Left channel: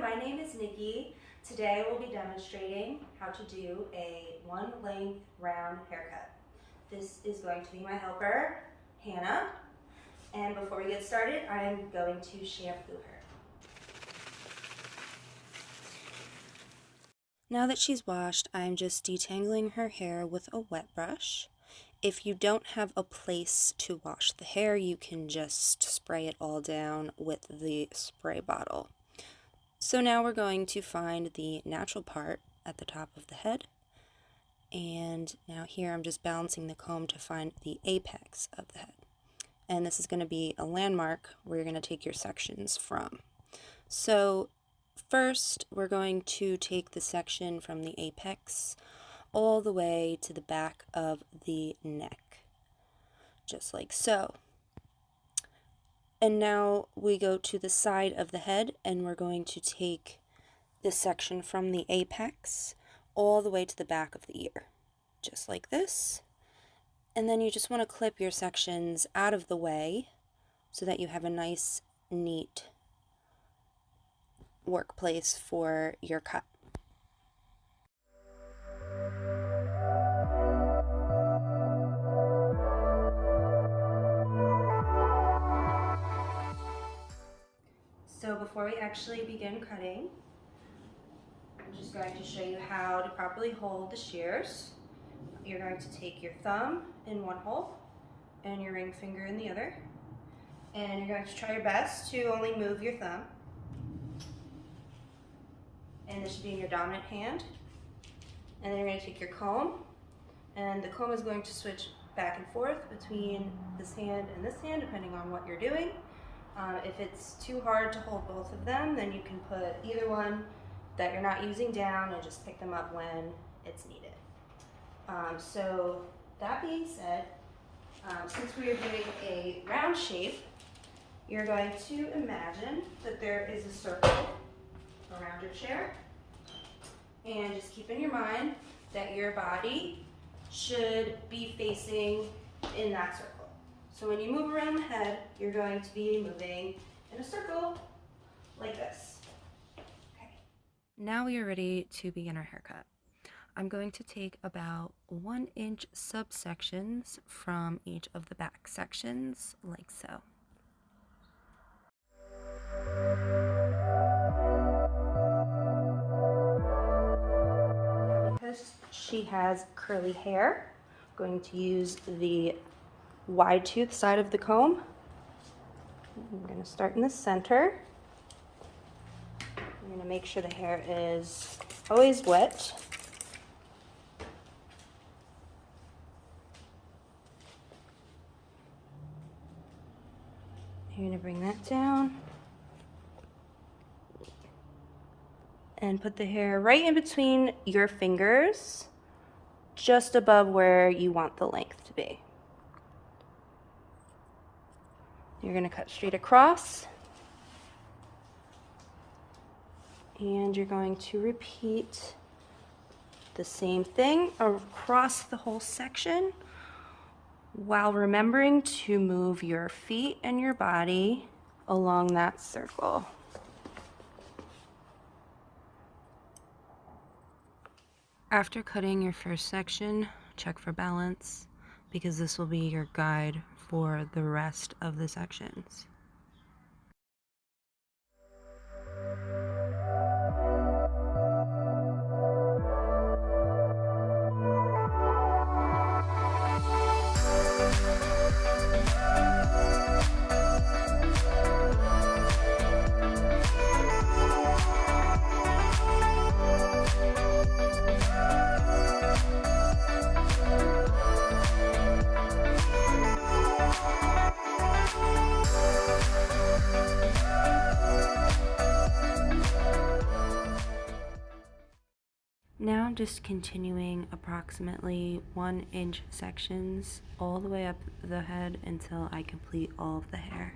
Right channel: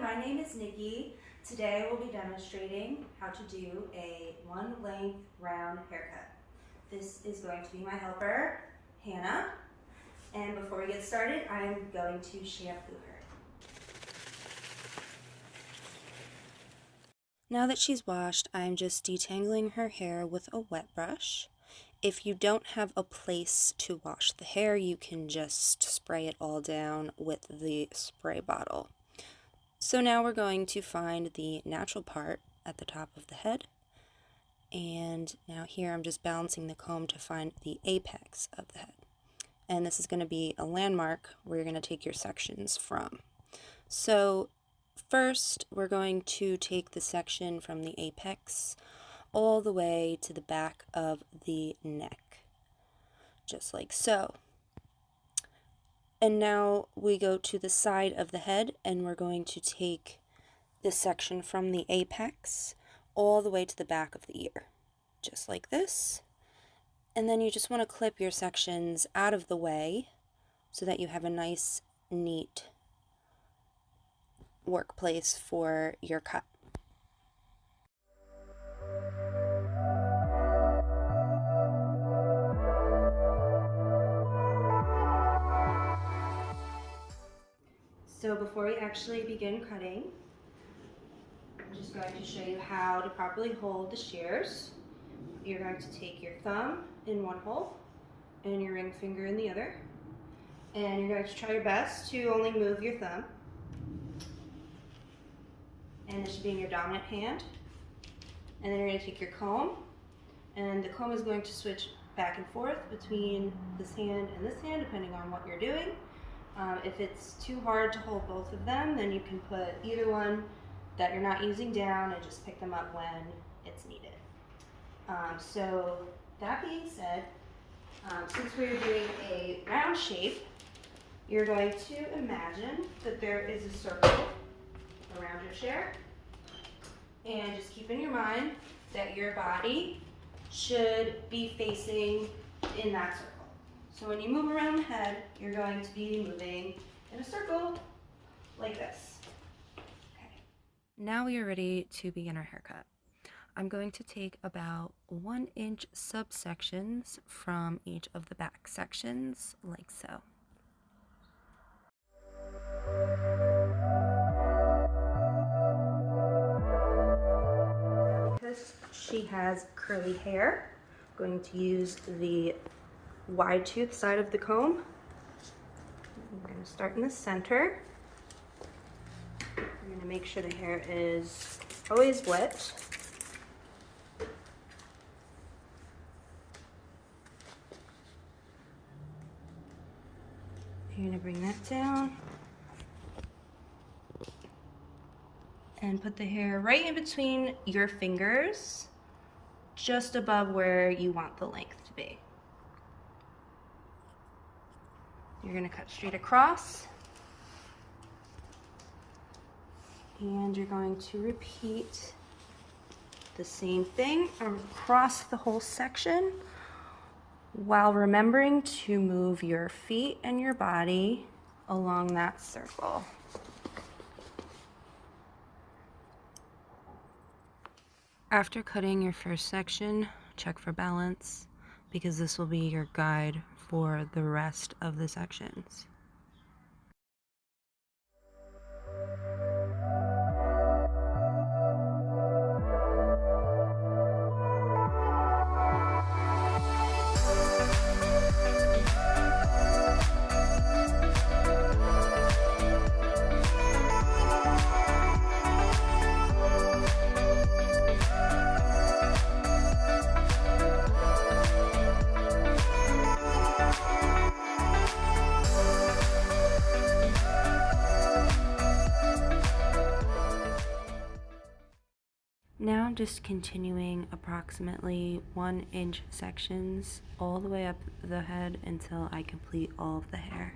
my name is Nikki. Today we'll be demonstrating how to do a one length round haircut. This is going to be my helper, Hannah. And before we get started, I'm going to shampoo her. Now that she's washed, I'm just detangling her hair with a wet brush. If you don't have a place to wash the hair, you can just spray it all down with the spray bottle. So now we're going to find the natural part at the top of the head. And now here I'm just balancing the comb to find the apex of the head. And this is going to be a landmark where you're going to take your sections from. So first we're going to take the section from the apex all the way to the back of the neck, just like so. And now we go to the side of the head and we're going to take this section from the apex all the way to the back of the ear, just like this. And then you just want to clip your sections out of the way so that you have a nice, neat workplace for your cut. So before we actually begin cutting, I'm just going to show you how to properly hold the shears. You're going to take your thumb in one hole and your ring finger in the other. And you're going to try your best to only move your thumb. And this should be in your dominant hand. And then you're going to take your comb, and the comb is going to switch back and forth between this hand and this hand, depending on what you're doing. If it's too hard to hold both of them, then you can put either one that you're not using down and just pick them up when it's needed. So that being said, since we're doing a round shape, you're going to imagine that there is a circle around your chair, and just keep in your mind that your body should be facing in that circle. So when you move around the head, you're going to be moving in a circle like this. Okay. Now we are ready to begin our haircut. I'm going to take about 1-inch subsections from each of the back sections, like so. Because she has curly hair, I'm going to use the wide tooth side of the comb. We're going to start in the center. I'm going to make sure the hair is always wet. You're going to bring that down and put the hair right in between your fingers, just above where you want the length to be. You're going to cut straight across, and you're going to repeat the same thing across the whole section while remembering to move your feet and your body along that circle. After cutting your first section, check for balance, because this will be your guide for the rest of the sections. Now I'm just continuing approximately 1-inch sections all the way up the head until I complete all of the hair.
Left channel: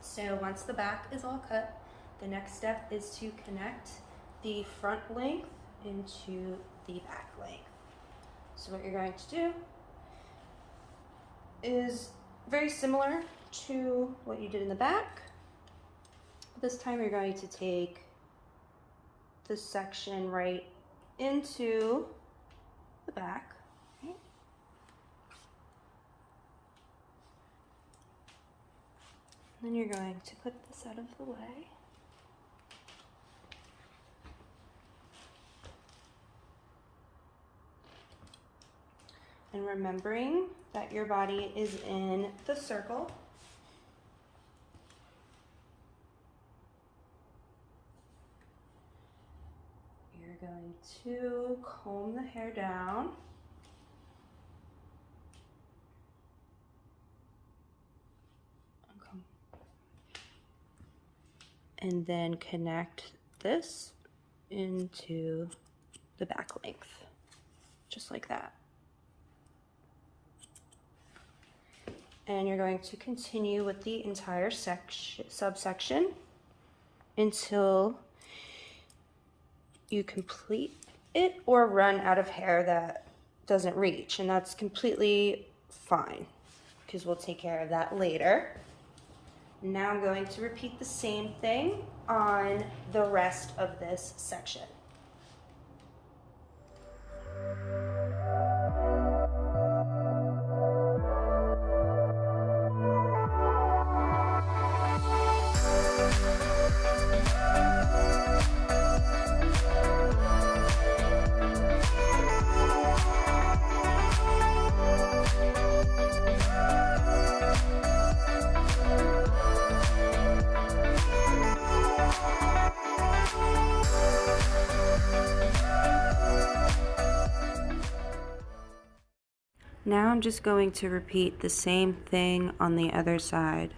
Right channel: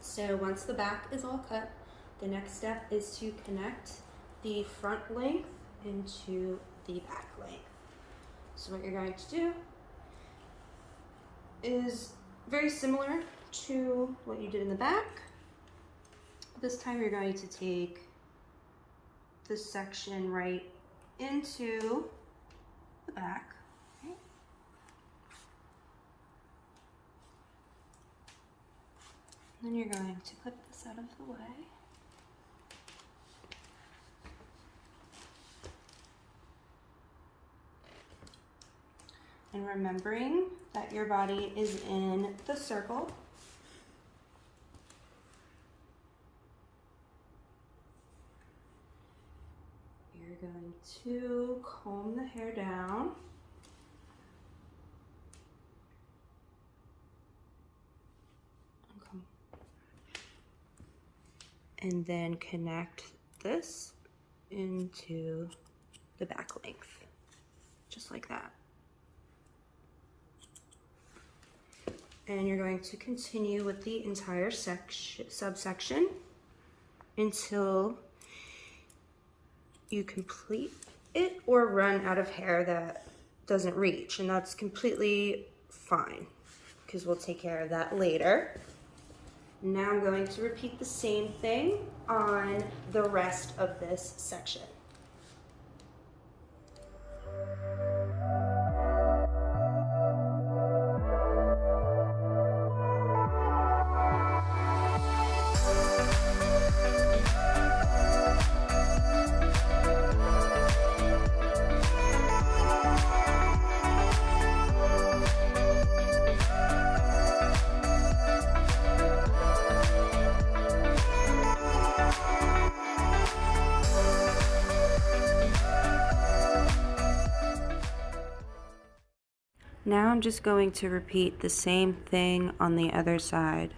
So once the back is all cut, The next step is to connect the front length into the back length. So what you're going to do is very similar to what you did in the back. This time you're going to take this section right into the back. Okay. Then you're going to clip this out of the way. And remembering that your body is in the circle. You're going to comb the hair down. Okay. And then connect this into the back length, just like that. And you're going to continue with the entire subsection until you complete it or run out of hair that doesn't reach. And that's completely fine because we'll take care of that later. Now I'm going to repeat the same thing on the rest of this section. Now I'm just going to repeat the same thing on the other side.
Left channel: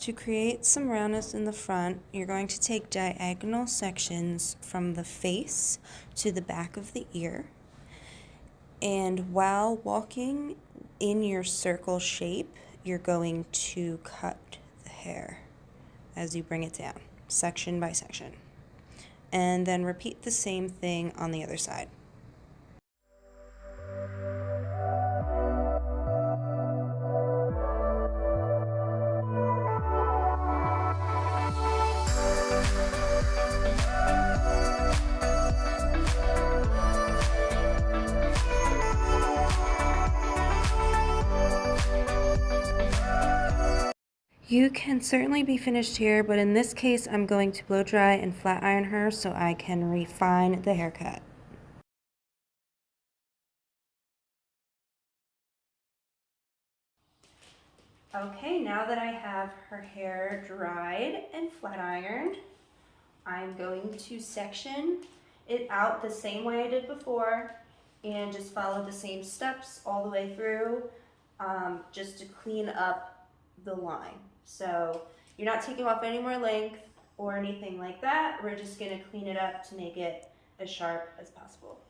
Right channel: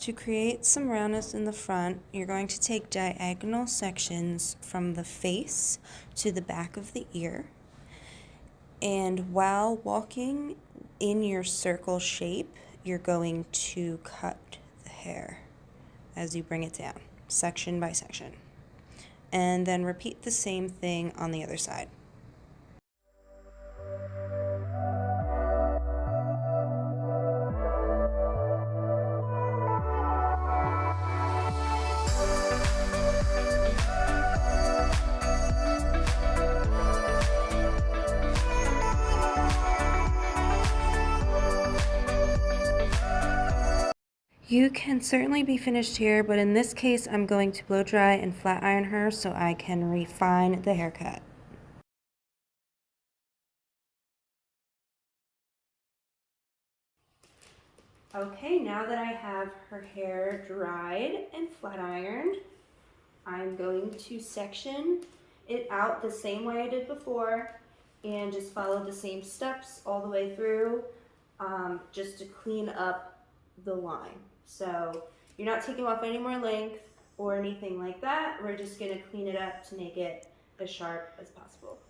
To create some roundness in the front, you're going to take diagonal sections from the face to the back of the ear. And while walking in your circle shape, you're going to cut the hair as you bring it down, section by section. And then repeat the same thing on the other side. You can certainly be finished here, but in this case, I'm going to blow dry and flat iron her so I can refine the haircut. Okay, now that I have her hair dried and flat ironed, I'm going to section it out the same way I did before and just follow the same steps all the way through just to clean up the line. So you're not taking off any more length or anything like that. We're just gonna clean it up to make it as sharp as possible.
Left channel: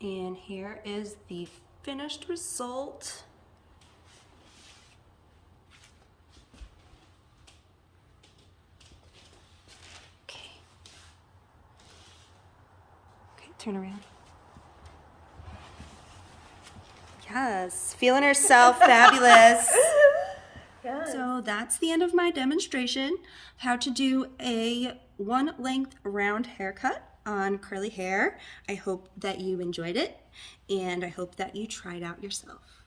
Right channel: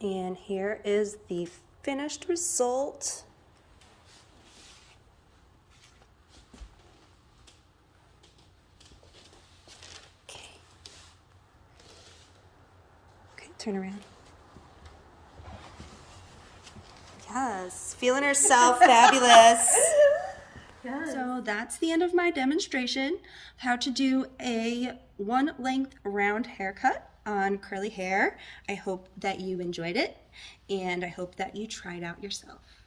And here is the finished result. Okay, turn around. Yeah, Yes, feeling herself fabulous. Yeah. So that's the end of my demonstration of how to do a one length round haircut on curly hair. I hope that you enjoyed it, and I hope that you try it out yourself.